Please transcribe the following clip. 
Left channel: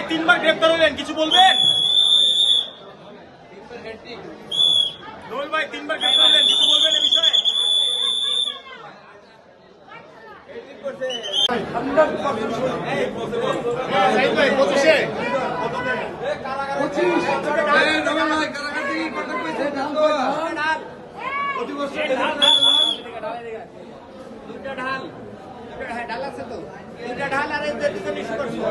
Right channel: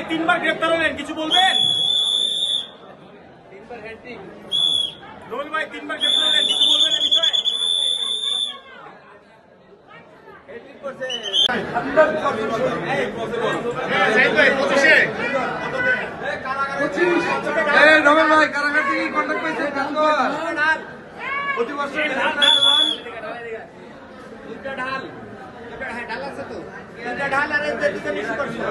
ভাই 3 বার গ্রেফতার হলেন, কিছু বলবেন? নোল ভাই 3 বার গ্রেফতার হলেন, কিছু বলবেন এই বিষয়ে? ঢাল আর দুটো ইস্যু করছিল।